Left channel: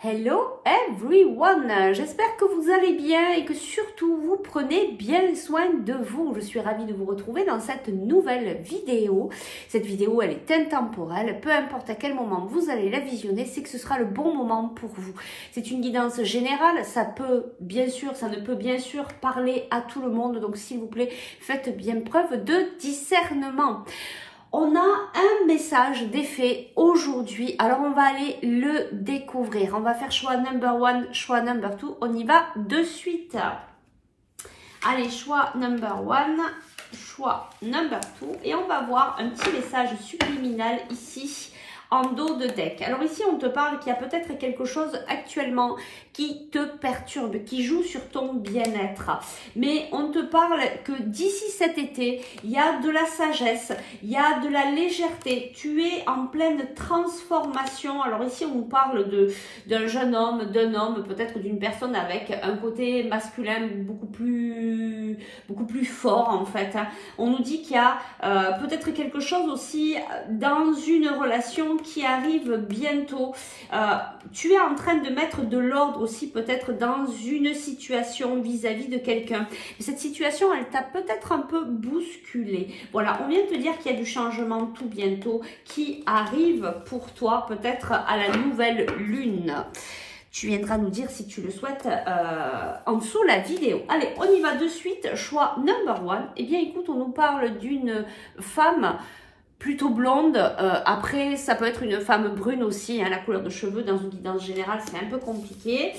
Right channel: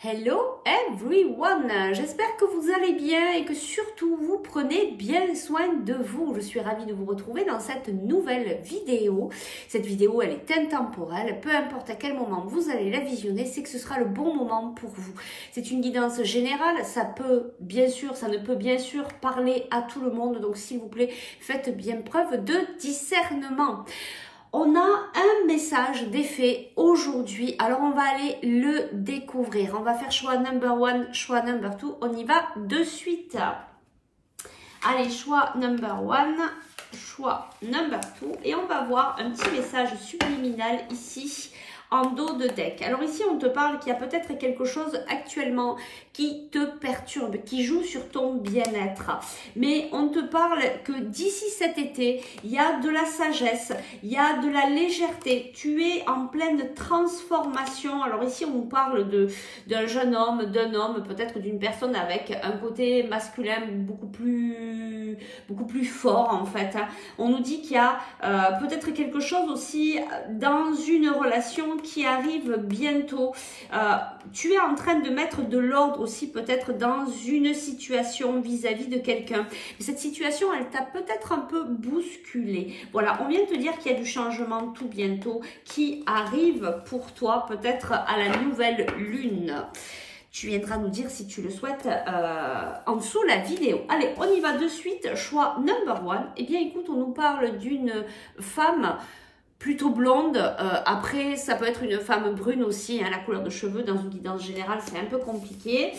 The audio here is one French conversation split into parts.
Hello everyone, j'espère que vous allez bien et que surtout vous prenez bien soin de vous. Je suis ravie de vous retrouver dans cette nouvelle vidéo. Cette vidéo elle est intemporelle, peu importe à quel moment vous allez la visionner, c'est que ce sera le bon moment pour vous. C'est une guidance générale, ça ne peut bien sûr parler à tout le monde, donc s'il vous plaît faites bien preuve de discernement. On a un message d'effet aujourd'hui, alors on va aller le découvrir. On va faire choix number 1, choix number 2, on y va de suite. Allez, choix number 1, choix number 2 et on va voir un petit message subliminal ici en dos de deck. Alors ici on te parle qu'il y a peut-être quelque chose actuellement qui te perturbe, qui joue sur ton bien-être. Mais on te parle que d'ici cet été, il y a de la sagesse, il y a de la légèreté. Tu es en pleine transformation. Alors ici, on parle d'un jeune homme, d'un homme, peut-être d'une personne avec un côté masculin beaucoup plus fort en fait. On nous dit qu'il y a peut-être quelque chose aussi dans une relation qui arrive bientôt. Tu es en train de mettre de l'ordre aussi peut-être dans une situation vis-à-vis de quelqu'un. Cette situation, elle t'a peut-être un peu bousculé. Voilà, on vient de te dire qu'il y a du changement tout bientôt qui arrive pour toi, peut-être à la nouvelle lune. Tu viendras nous dire si tu le souhaites en dessous la vidéo. Allez, on y va de suite. Choix number 1. Eh bien, écoute, on nous parle d'une femme plutôt blonde, après ça peut être une femme brune aussi, hein, la couleur de cheveux dans une guidance générale c'est un peu compliqué.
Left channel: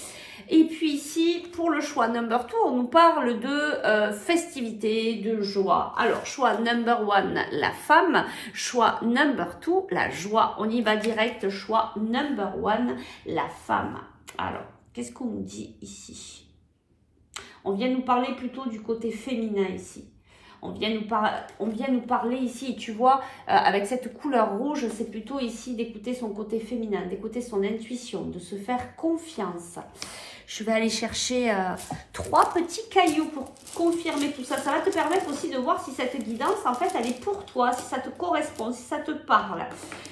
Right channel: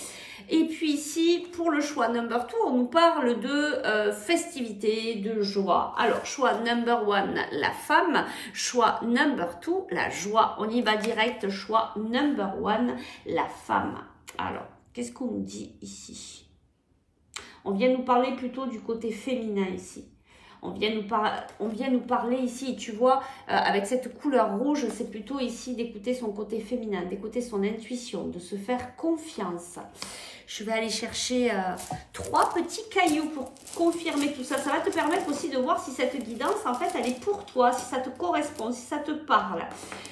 Et puis ici pour le choix number 2 on nous parle de festivité, de joie. Alors choix number 1 la femme, choix number 2 la joie. On y va direct, choix number 1 la femme. Alors qu'est-ce qu'on nous dit ici? On vient nous parler plutôt du côté féminin ici. On vient nous parler ici, et tu vois, avec cette couleur rouge, c'est plutôt ici d'écouter son côté féminin, d'écouter son intuition, de se faire confiance. Je vais aller chercher 3 petits cailloux pour confirmer tout ça. Ça va te permettre aussi de voir si cette guidance, en fait, elle est pour toi, si ça te correspond, si ça te parle.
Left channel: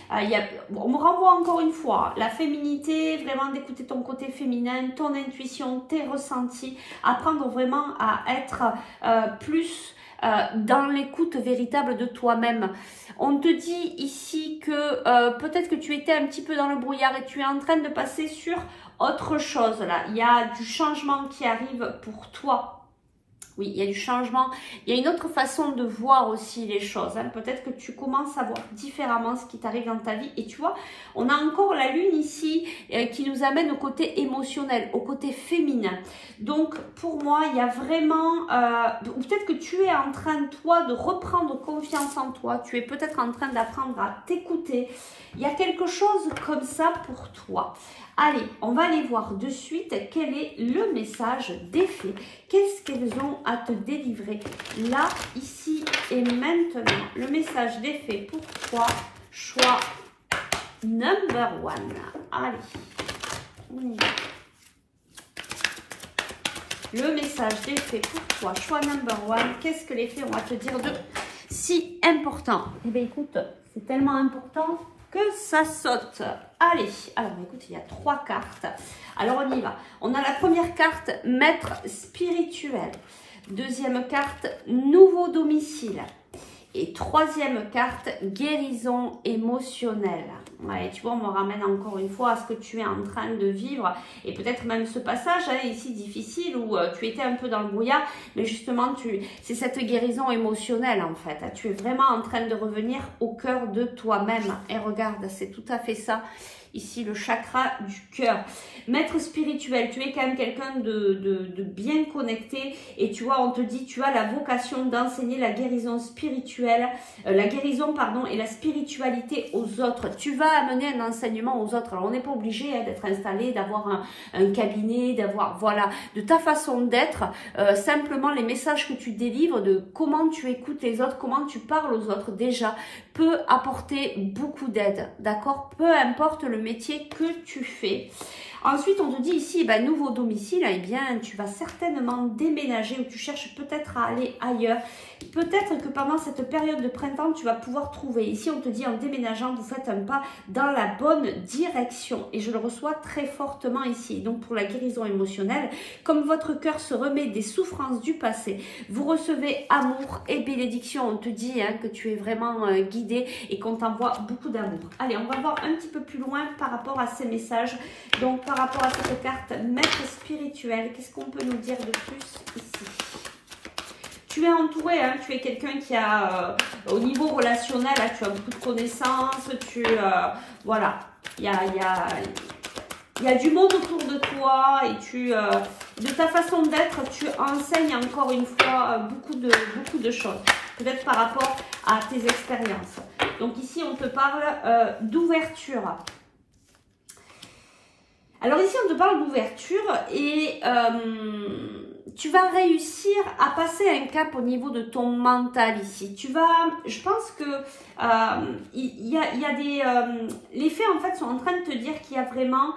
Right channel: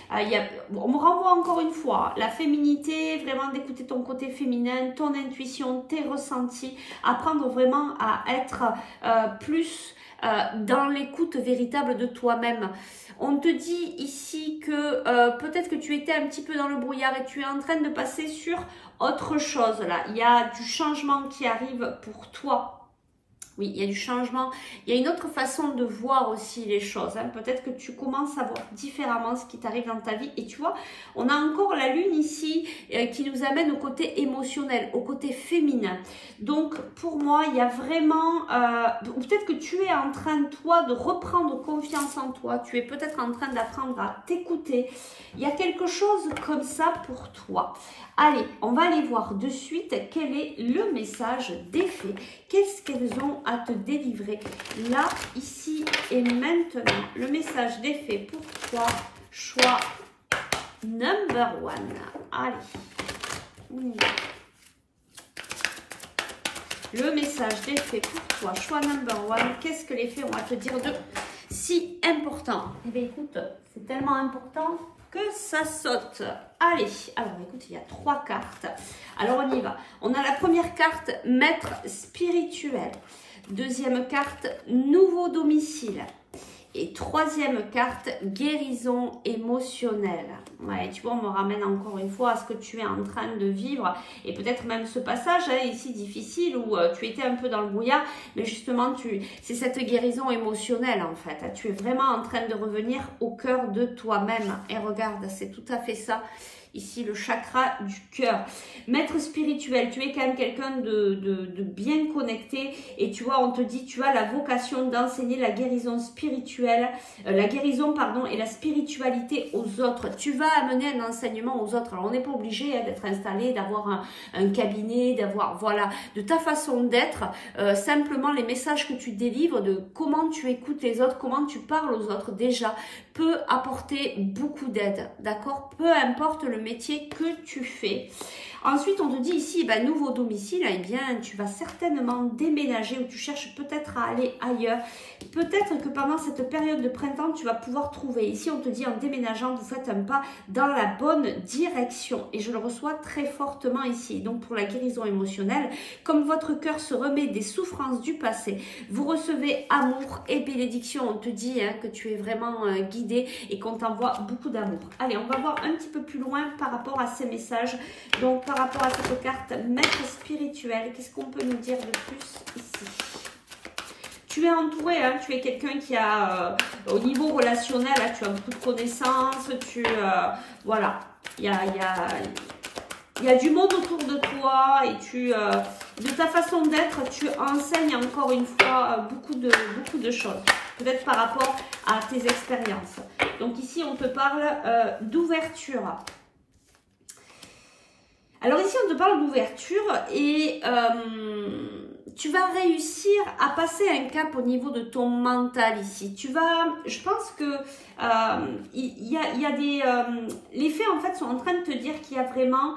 On me renvoie encore une fois, la féminité, vraiment d'écouter ton côté féminin, ton intuition, tes ressentis, apprendre vraiment à être plus dans l'écoute véritable de toi-même. On te dit ici que peut-être que tu étais un petit peu dans le brouillard et tu es en train de passer sur autre chose là. Il y a du changement qui arrive pour toi. Oui, il y a du changement. Il y a une autre façon de voir aussi les choses. Hein. Peut-être que tu commences à voir différemment ce qui t'arrive dans ta vie. Et tu vois, on a encore la lune ici qui nous amène au côté émotionnel, au côté féminin. Donc, pour moi, il y a vraiment... peut-être que tu es en train, toi, de reprendre confiance en toi. Tu es peut-être en train d'apprendre à t'écouter. Il y a quelque chose comme ça pour toi. Allez, on va aller voir de suite quel est le message des fées. Qu'est-ce qu'elles ont à te délivrer là, ici et maintenant? Le message des fées pour toi, choix number 1. Allez. Le message des fées pour toi, choix number 1. Qu'est-ce que les fées ont à te dire de si important? Eh bien, écoute, c'est tellement important que ça saute. Allez, alors écoute, il y a 3 cartes. Alors on y va. On a la première carte, maître spirituel. Deuxième carte, nouveau domicile. Et troisième carte, guérison émotionnelle. Ouais, tu vois, on me ramène encore une fois à ce que tu es en train de vivre. Et peut-être même ce passage ici difficile où tu étais un peu dans le brouillard. Mais justement, c'est cette guérison émotionnelle en fait. Tu es vraiment en train de revenir au cœur de toi-même. Et regarde, c'est tout à fait ça. Ici, le chakra du cœur. Maître spirituel, tu es quand même quelqu'un de bien connecté. Et tu vois, on te dit, tu as la vocation d'enseigner la guérison spirituelle, la guérison, pardon, et la spiritualité aux autres. Tu vas amener un enseignement aux autres. Alors, on n'est pas obligé d'être installé, d'avoir un cabinet, d'avoir, voilà, de ta façon d'être. Simplement, les messages que tu délivres, de comment tu écoutes les autres, comment tu parles aux autres, déjà, peut apporter beaucoup d'aide, d'accord? Peu importe le métier que tu fais. Ensuite, on te dit ici, ben, nouveau domicile, eh bien, tu vas certainement déménager ou tu cherches peut-être à aller ailleurs. Peut-être que pendant cette période de printemps, tu vas pouvoir trouver. Ici, on te dit en déménageant, vous faites un pas dans la bonne direction. Et je le reçois très fortement ici. Donc, pour la guérison émotionnelle, comme votre cœur se remet des souffrances du passé, vous recevez amour et bénédiction. On te dit hein, que tu es vraiment guidé et qu'on t'envoie beaucoup d'amour. Allez, on va voir un petit peu plus loin par rapport à ces messages. Donc, par rapport à cette carte maître spirituel, qu'est-ce qu'on peut nous dire de plus ici? Tu es entouré, hein, tu es quelqu'un qui a, au niveau relationnel, hein, tu as beaucoup de connaissances, voilà, il y a du monde autour de toi et de ta façon d'être, tu enseignes encore une fois beaucoup de choses, peut-être par rapport à tes expériences. Donc ici, on te parle d'ouverture. Alors ici, on te parle d'ouverture et tu vas réussir à passer un cap au niveau de ton mental ici. Je pense que les faits en fait sont en train de te dire qu'il y a vraiment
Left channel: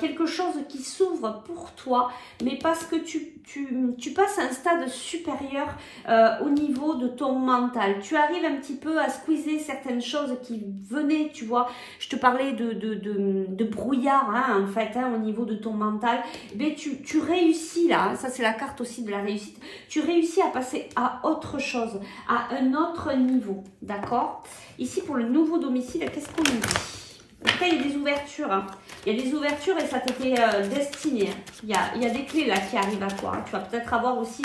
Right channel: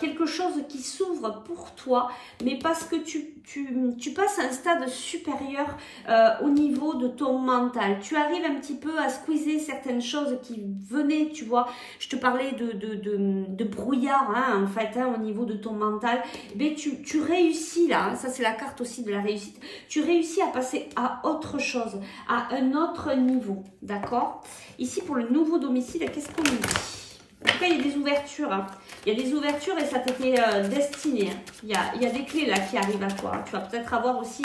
quelque chose qui s'ouvre pour toi, mais parce que tu passes à un stade supérieur au niveau de ton mental. Tu arrives un petit peu à squeezer certaines choses qui venaient, tu vois. Je te parlais de brouillard hein, en fait hein, au niveau de ton mental. Mais tu réussis là, hein, ça c'est la carte aussi de la réussite. Tu réussis à passer à autre chose, à un autre niveau, d'accord? Ici pour le nouveau domicile, qu'est-ce qu'on nous dit? En tout cas, il y a des ouvertures. Hein. Il y a des ouvertures et ça t'était destiné. Il y a des clés là qui arrivent à toi. Hein. Tu vas peut-être avoir aussi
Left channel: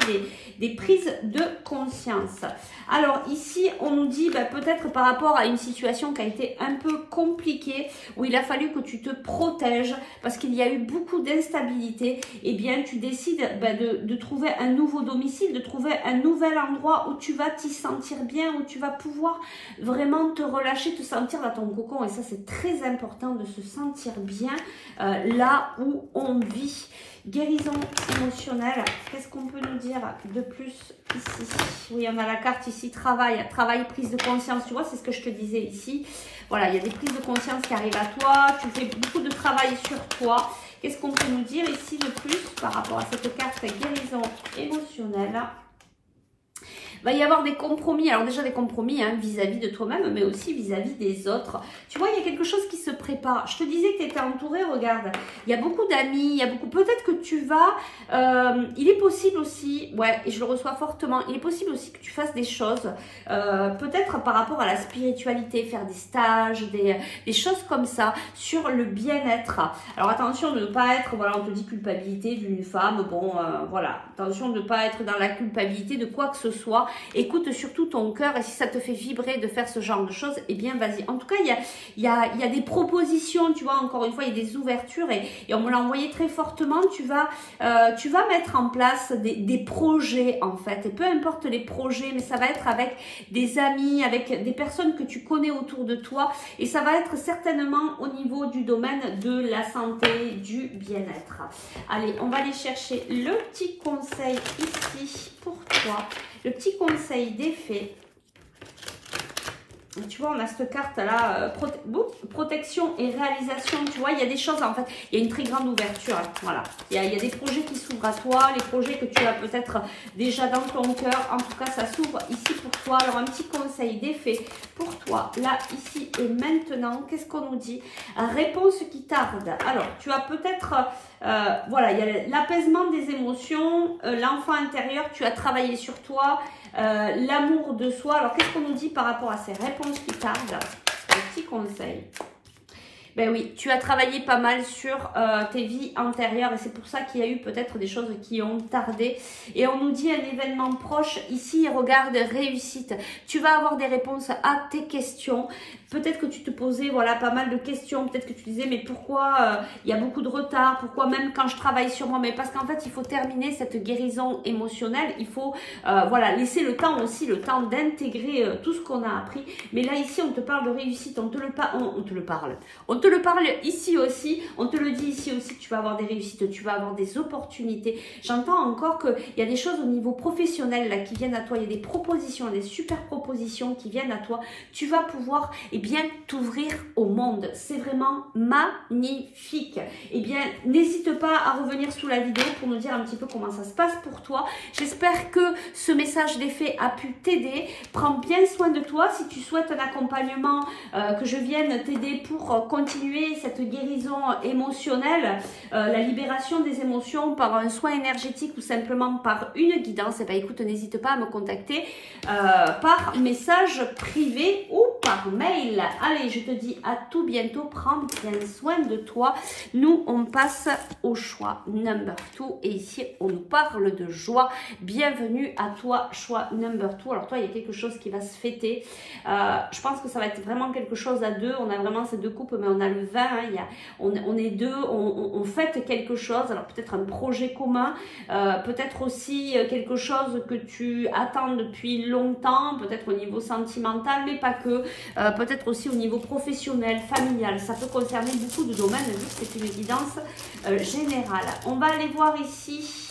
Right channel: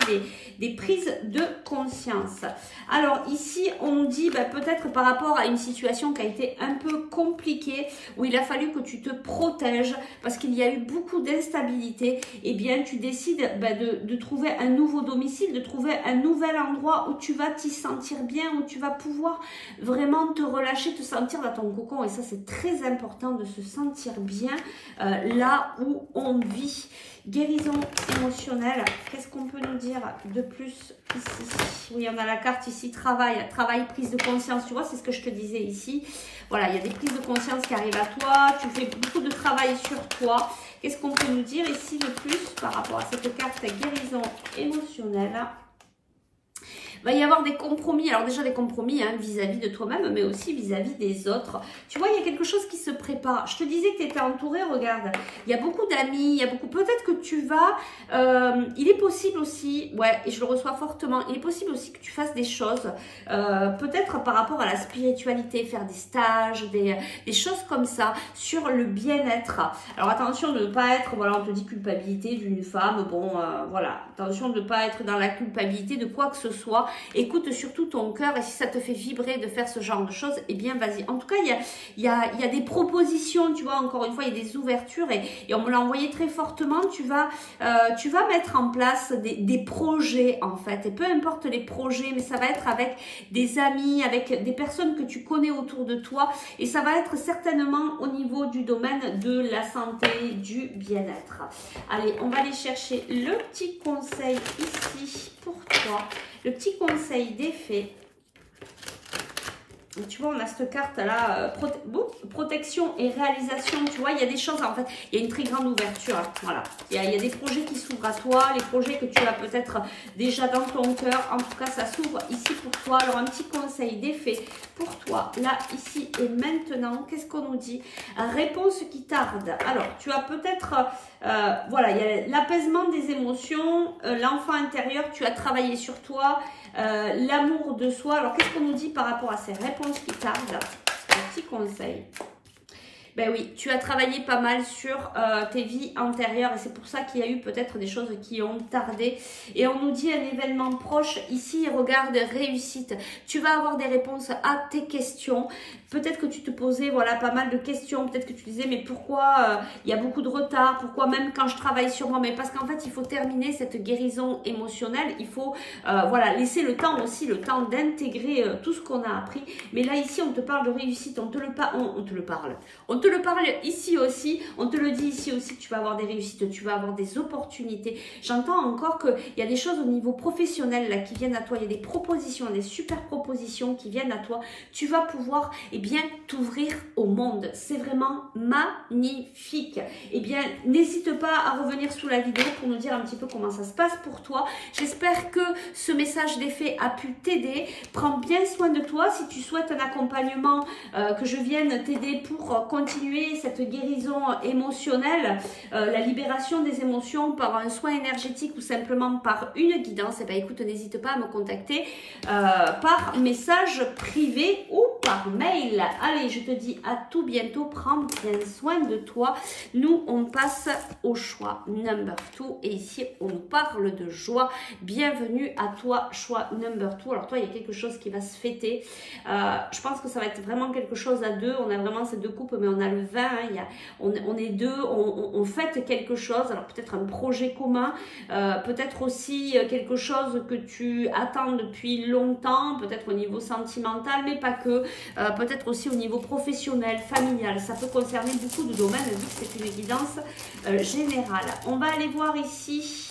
des prises de conscience. Alors ici, on nous dit peut-être par rapport à une situation qui a été un peu compliquée, où il a fallu que tu te protèges parce qu'il y a eu beaucoup d'instabilité. Eh bien, tu décides de trouver un nouveau domicile, de trouver un nouvel endroit où tu vas t'y sentir bien, où tu vas pouvoir vraiment te relâcher, te sentir dans ton cocon. Et ça, c'est très important de se sentir bien là où on vit. Guérison émotionnelle, qu'est-ce qu'on peut nous dire de plus ici? Oui, on a la carte ici, travail, prise de conscience, tu vois, c'est ce que je te disais ici. Voilà, il y a des prises de conscience qui arrivent à toi, tu fais beaucoup de travail sur toi. Qu'est-ce qu'on peut nous dire ici de plus par rapport à cette carte guérison émotionnelle? Va y avoir des compromis, alors déjà des compromis hein, vis-à-vis de toi-même, mais aussi vis-à-vis des autres. Tu vois, il y a quelque chose qui se prépare. Je te disais que tu étais entouré, regarde, il y a beaucoup d'amis, il y a beaucoup, peut-être que tu vas, il est possible aussi, ouais, et je le reçois fortement, il est possible aussi que tu fasses des choses, peut-être par rapport à la spiritualité, faire des stages, des choses comme ça, sur le bien-être. Alors attention de ne pas être, voilà, on te dit culpabilité d'une femme, bon, voilà, attention de ne pas être dans la culpabilité de quoi que ce soit. Écoute surtout ton cœur et si ça te fait vibrer de faire ce genre de choses, eh bien vas-y. En tout cas, il y a des propositions, tu vois, encore une fois, il y a des ouvertures et on me l'a envoyé très fortement. Tu vas mettre en place des projets en fait. Et peu importe les projets, mais ça va être avec des amis, avec des personnes que tu connais autour de toi. Et ça va être certainement au niveau du domaine de la santé, du bien-être. Allez, on va aller chercher le petit conseil ici pour toi. Le petit conseil des fées. Tu vois, on a cette carte-là, protection et réalisation. Tu vois, il y a des choses, en fait, il y a une très grande ouverture. Hein, voilà, il y a des projets qui s'ouvrent à toi, les projets que tu as peut-être déjà dans ton cœur. En tout cas, ça s'ouvre ici pour toi. Alors, un petit conseil des fées pour toi, là, ici et maintenant. Qu'est-ce qu'on nous dit? Réponse qui tarde. Alors, tu as peut-être... voilà, il y a l'apaisement des émotions, l'enfant intérieur, tu as travaillé sur toi, l'amour de soi. Alors, qu'est-ce qu'on nous dit par rapport à ces réponses qui tardent? Un petit conseil. Ben oui, tu as travaillé pas mal sur tes vies antérieures et c'est pour ça qu'il y a eu peut-être des choses qui ont tardé. Et on nous dit un événement proche. Ici, regarde, réussite. Tu vas avoir des réponses à tes questions. Peut-être que tu te posais voilà, pas mal de questions. Peut-être que tu disais, mais pourquoi il y a beaucoup de retard? Pourquoi même quand je travaille sur moi? Mais parce qu'en fait, il faut terminer cette guérison émotionnelle. Il faut voilà, laisser le temps aussi, le temps d'intégrer tout ce qu'on a appris. Mais là, ici, on te parle de réussite. On te parle te le parle ici aussi, on te le dit ici aussi, tu vas avoir des réussites, tu vas avoir des opportunités. J'entends encore qu'il y a des choses au niveau professionnel là qui viennent à toi, il y a des propositions, des super propositions qui viennent à toi. Tu vas pouvoir bien t'ouvrir au monde. C'est vraiment magnifique. Bien, n'hésite pas à revenir sous la vidéo pour nous dire un petit peu comment ça se passe pour toi. J'espère que ce message des fées a pu t'aider. Prends bien soin de toi. Si tu souhaites un accompagnement, que je vienne t'aider pour continuer cette guérison émotionnelle, la libération des émotions par un soin énergétique ou simplement par une guidance, écoute, n'hésite pas à me contacter par message privé ou par mail. Allez, je te dis à tout bientôt. Prends bien soin de toi. Nous, on passe au choix number 2 et ici, on nous parle de joie. Bienvenue à toi, choix number 2. Alors toi, il y a quelque chose qui va se fêter. Je pense que ça va être vraiment quelque chose à deux. On a vraiment ces deux coupes, mais on a le 20. Hein, on est deux, on fête quelque chose. Alors peut-être un projet commun, peut-être aussi quelque chose que tu attends depuis longtemps, peut-être au niveau sentimental, mais pas que. Peut-être aussi au niveau professionnel, familial. Ça peut concerner beaucoup de domaines, vu que c'est une guidance générale. On va aller voir ici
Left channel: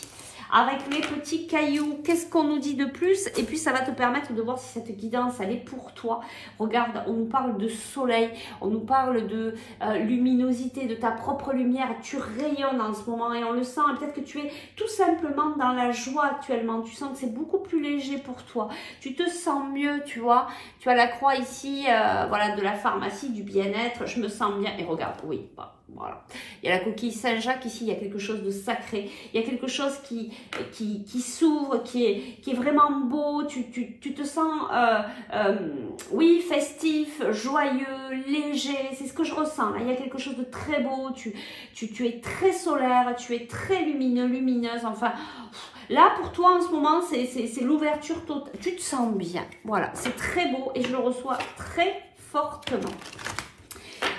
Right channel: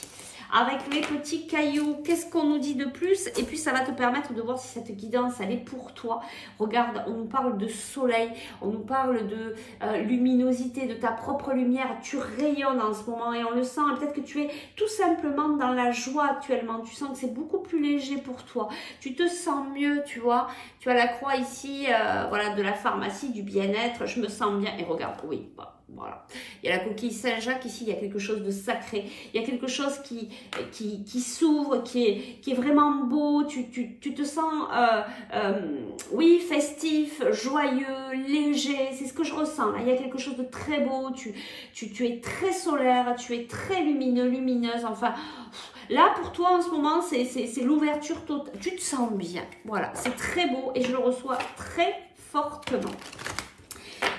avec les petits cailloux, qu'est-ce qu'on nous dit de plus? Et puis ça va te permettre de voir si cette guidance, elle est pour toi. Regarde, on nous parle de soleil, on nous parle de luminosité, de ta propre lumière. Tu rayonnes en ce moment et on le sent. Et peut-être que tu es tout simplement dans la joie actuellement. Tu sens que c'est beaucoup plus léger pour toi. Tu te sens mieux, tu vois. Tu as la croix ici, voilà, de la pharmacie, du bien-être. Je me sens bien. Et regarde, oui, voilà. Il y a la coquille Saint-Jacques ici, il y a quelque chose de sacré. Il y a quelque chose qui s'ouvre, qui est vraiment beau. Tu te sens, oui, festif, joyeux, léger. C'est ce que je ressens. Là. Il y a quelque chose de très beau. Tu es très solaire, tu es très lumineux, lumineuse. Enfin, là, pour toi, en ce moment, c'est l'ouverture totale. Tu te sens bien. Voilà, c'est très beau et je le reçois très fortement.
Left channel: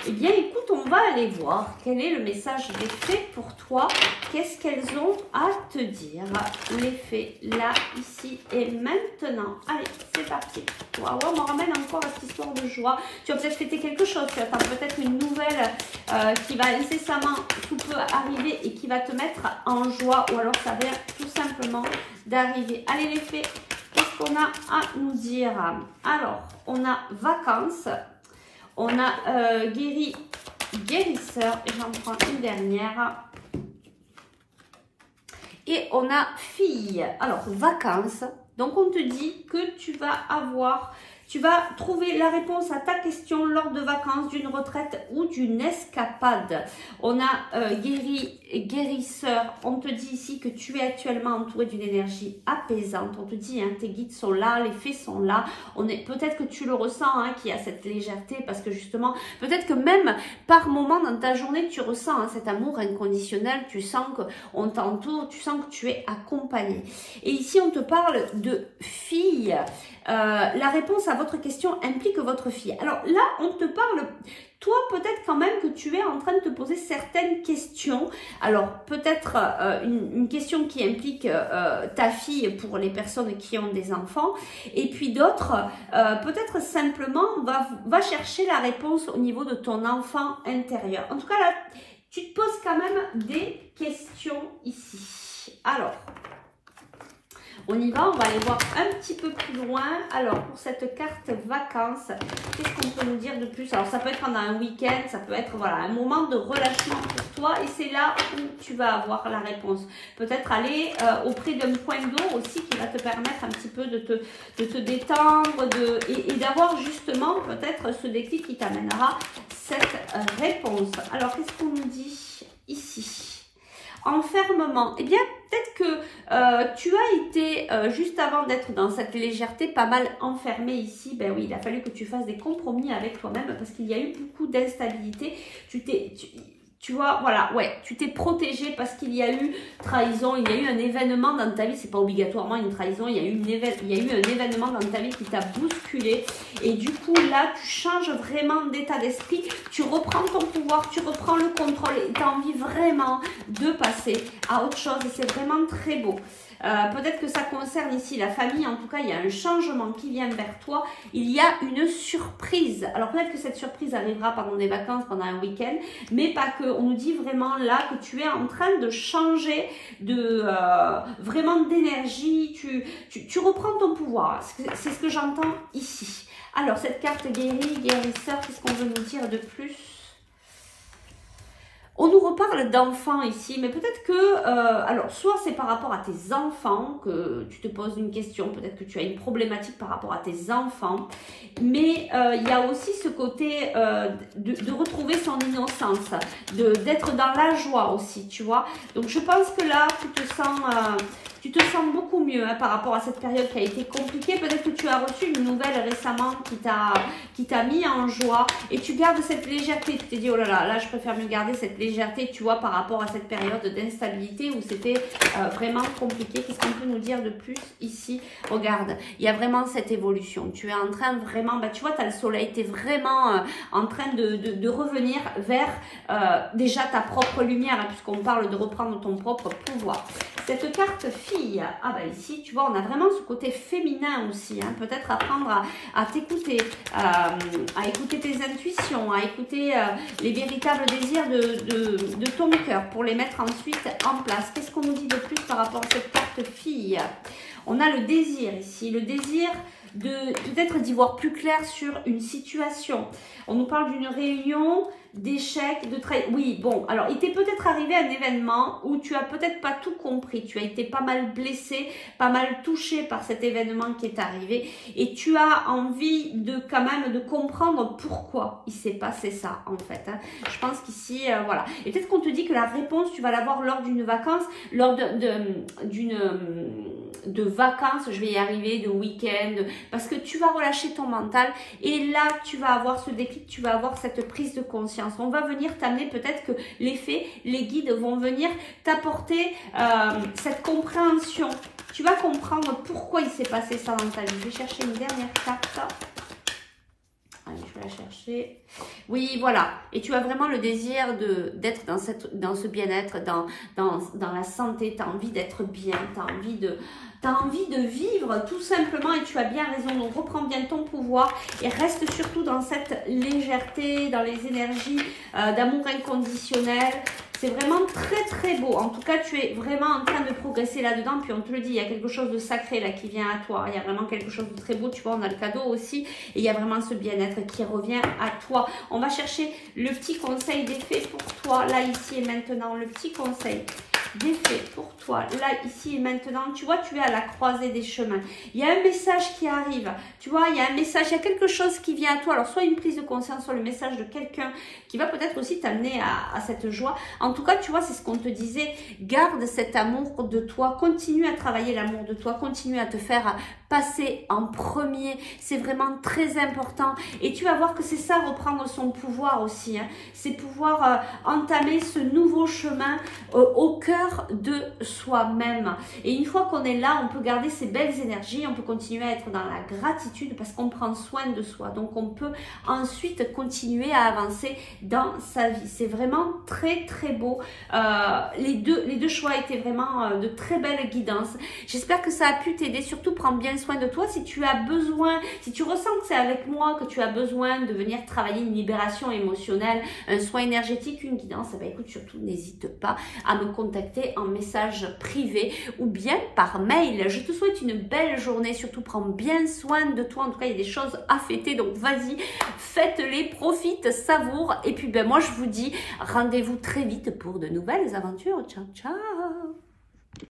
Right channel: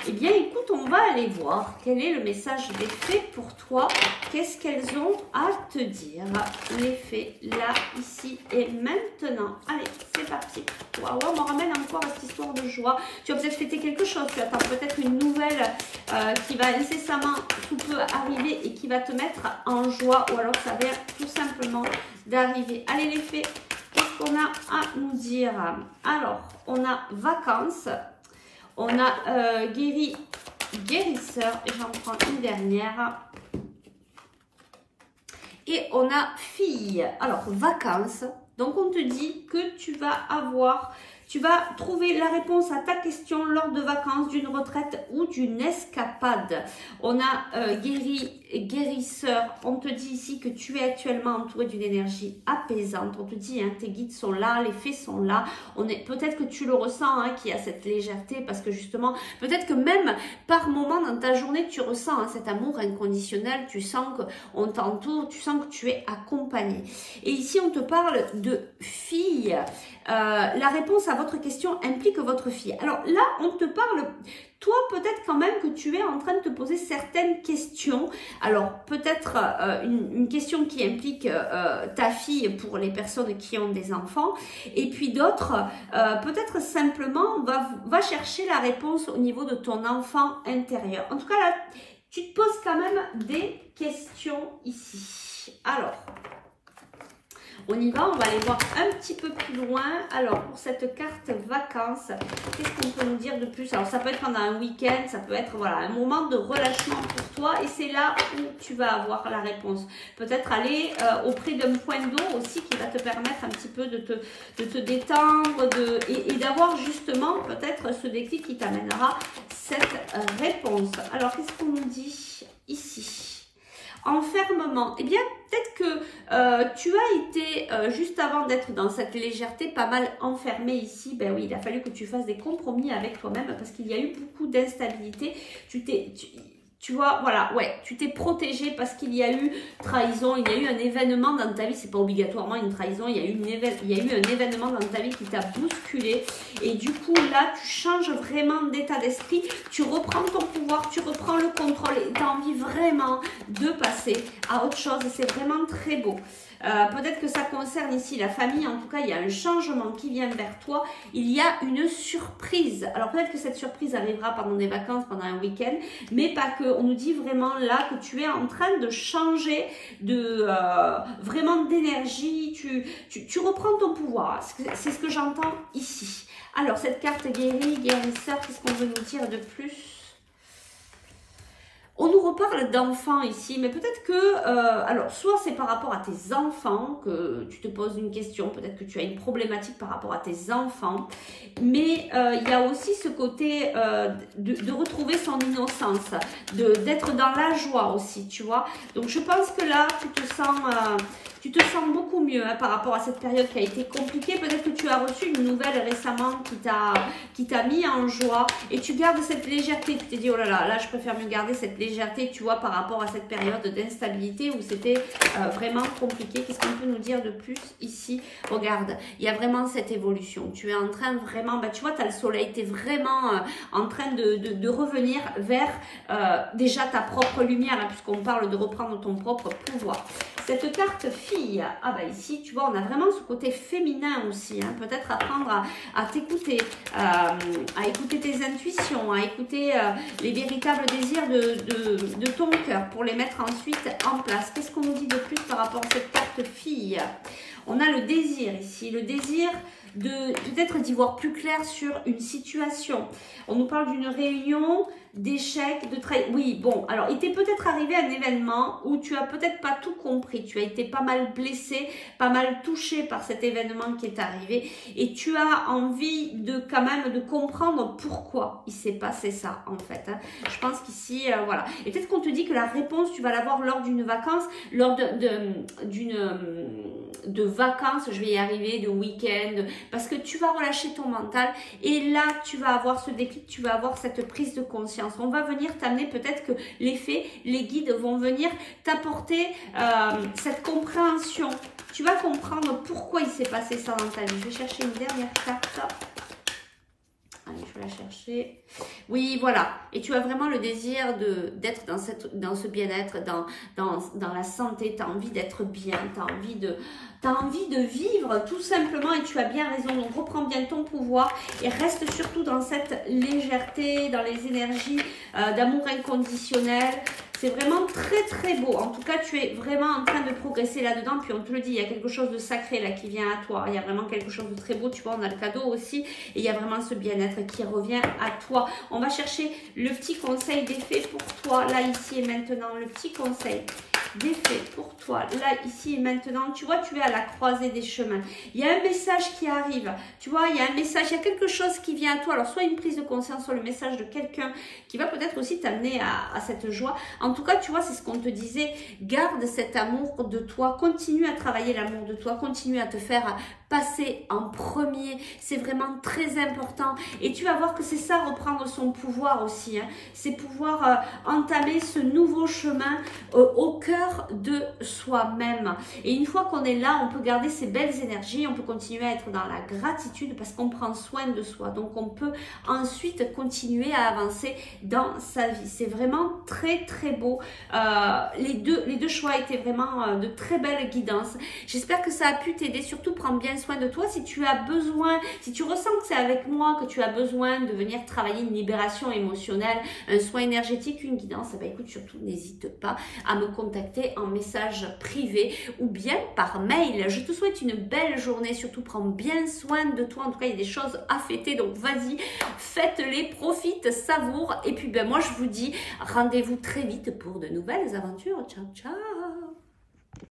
Eh bien, écoute, on va aller voir quel est le message des fées pour toi. Qu'est-ce qu'elles ont à te dire, les fées, là, ici et maintenant. Allez, c'est parti. Waouh, on me ramène encore à cette histoire de joie. Tu vas peut-être fêter quelque chose. Tu attends peut-être une nouvelle qui va incessamment sous peu arriver et qui va te mettre en joie. Ou alors, ça vient tout simplement d'arriver. Allez, les fées, qu'est-ce qu'on a à nous dire? Alors, on a vacances. On a guérisseur, et j'en prends une dernière. Et on a fille. Alors, vacances. Donc, on te dit que tu vas trouver la réponse à ta question lors de vacances, d'une retraite ou d'une escapade. On a guérisseur. On te dit ici que tu es actuellement entouré d'une énergie apaisante. On te dit, hein, tes guides sont là, les fées sont là. Peut-être que tu le ressens, hein, qu'il y a cette légèreté parce que justement, peut-être que même par moment dans ta journée, tu ressens hein, cet amour inconditionnel. Tu sens qu'on t'entoure, tu sens que tu es accompagné. Et ici, on te parle de fille. La réponse à votre question implique votre fille. Alors là, on te parle, toi peut-être quand même que tu es en train de te poser certaines questions. Alors peut-être une question qui implique ta fille pour les personnes qui ont des enfants. Et puis d'autres, peut-être simplement, va chercher la réponse au niveau de ton enfant intérieur. En tout cas là, tu te poses quand même des questions ici. Alors... on y va, on va aller voir un petit peu plus loin. Alors, pour cette carte vacances, qu'est-ce qu'on peut nous dire de plus? Alors, ça peut être pendant un week-end, ça peut être voilà, un moment de relâchement pour toi. Et c'est là où tu vas avoir la réponse. Peut-être aller auprès d'un point d'eau aussi qui va te permettre un petit peu de te détendre et d'avoir justement peut-être ce déclic qui t'amènera cette réponse. Alors, qu'est-ce qu'on nous dit ici? Enfermement. Eh bien, peut-être que tu as été, juste avant d'être dans cette légèreté, pas mal enfermé ici. Ben oui, il a fallu que tu fasses des compromis avec toi-même parce qu'il y a eu beaucoup d'instabilité. Tu vois, voilà, ouais, tu t'es protégé parce qu'il y a eu trahison, il y a eu un événement dans ta vie, c'est pas obligatoirement une trahison, il y a eu un événement dans ta vie qui t'a bousculé et du coup là, tu changes vraiment d'état d'esprit, tu reprends ton pouvoir, tu reprends le contrôle et tu as envie vraiment de passer à autre chose et c'est vraiment très beau. peut-être que ça concerne ici la famille. En tout cas, il y a un changement qui vient vers toi. Il y a une surprise. Alors peut-être que cette surprise arrivera pendant des vacances, pendant un week-end, mais pas que. On nous dit vraiment là que tu es en train de changer de vraiment d'énergie. Tu reprends ton pouvoir. C'est ce que j'entends ici. Alors cette carte guérie, guérisseur, qu'est-ce qu'on veut nous dire de plus? On nous reparle d'enfants ici, mais peut-être que, alors soit c'est par rapport à tes enfants que tu te poses une question, peut-être que tu as une problématique par rapport à tes enfants, mais il y a aussi ce côté de retrouver son innocence, d'être dans la joie aussi, tu vois. Donc je pense que là, tu te sens beaucoup mieux hein, par rapport à cette période qui a été compliquée. Peut-être que tu as reçu une nouvelle récemment qui t'a mis en joie et tu gardes cette légèreté. Tu t'es dit, oh là là, là je préfère mieux garder cette légèreté, tu vois, par rapport à cette période d'instabilité où c'était vraiment compliqué. Qu'est-ce qu'on peut nous dire de plus ici? Regarde, il y a vraiment cette évolution. Tu es en train vraiment, bah, tu vois, tu as le soleil, tu es vraiment en train de revenir vers déjà ta propre lumière, hein, puisqu'on parle de reprendre ton propre pouvoir. Cette carte fille, ah bah ici, tu vois, on a vraiment ce côté féminin aussi, hein, peut-être apprendre à t'écouter, à écouter tes intuitions, à écouter les véritables désirs de ton cœur pour les mettre ensuite en place. Qu'est-ce qu'on nous dit de plus par rapport à cette carte fille? On a le désir ici, le désir de peut-être d'y voir plus clair sur une situation. On nous parle d'une réunion, d'échecs, de trahison. Oui, bon, alors il t'est peut-être arrivé un événement où tu as peut-être pas tout compris. Tu as été pas mal blessé, pas mal touché par cet événement qui est arrivé et tu as envie de quand même de comprendre pourquoi il s'est passé ça en fait. Hein. Je pense qu'ici, voilà. Et peut-être qu'on te dit que la réponse, tu vas l'avoir lors d'une vacance, lors de vacances, je vais y arriver, de week-end, parce que tu vas relâcher ton mental et là, tu vas avoir ce déclic, tu vas avoir cette prise de conscience. On va venir t'amener, peut-être que les fées, les guides vont venir t'apporter cette compréhension. Tu vas comprendre pourquoi il s'est passé ça dans ta vie. Je vais chercher une dernière carte. Allez, je vais la chercher. Oui, voilà. Et tu as vraiment le désir d'être dans ce bien-être, dans la santé. Tu as envie d'être bien, tu as envie de vivre tout simplement et tu as bien raison. Donc, reprends bien ton pouvoir et reste surtout dans cette légèreté, dans les énergies d'amour inconditionnel. C'est vraiment très très beau. En tout cas, tu es vraiment en train de progresser là-dedans. Puis on te le dit, il y a quelque chose de sacré là qui vient à toi. Il y a vraiment quelque chose de très beau. Tu vois, on a le cadeau aussi. Et il y a vraiment ce bien-être qui revient à toi. On va chercher le petit conseil des fées pour toi, là, ici et maintenant. Le petit conseil des fées pour toi, là, ici et maintenant. Tu vois, tu es à la croisée des chemins. Il y a un message qui arrive. Tu vois, il y a un message, il y a quelque chose qui vient à toi. Alors, soit une prise de conscience, soit le message de quelqu'un qui va peut-être aussi t'amener à cette joie. En tout cas, tu vois, c'est ce qu'on te disait. Garde cet amour de toi. Continue à travailler l'amour de toi. Continue à te faire passer en premier. C'est vraiment très important. Et tu vas voir que c'est ça, reprendre son pouvoir aussi. Hein. C'est pouvoir entamer ce nouveau chemin au cœur de soi-même. Et une fois qu'on est là, on peut garder ces belles énergies. On peut continuer à être dans la gratitude parce qu'on prend soin de soi. Donc, on peut ensuite continuer à avancer dans sa vie. C'est vraiment très, très beau. Les deux choix étaient vraiment de très belles guidances. J'espère que ça a pu t'aider. Surtout, prends bien soin de toi. Si tu as besoin, si tu ressens que c'est avec moi que tu as besoin de venir travailler une libération émotionnelle, un soin énergétique, une guidance, eh bien, écoute, surtout n'hésite pas à me contacter en message privé ou bien par mail. Je te souhaite une belle journée. Surtout, prends bien soin de toi. En tout cas, il y a des choses à fêter. Donc, vas-y, faites-les, profite, savoure. Et puis, ben, moi, je vous dis rendez-vous très vite pour de nouvelles aventures. Ciao, ciao!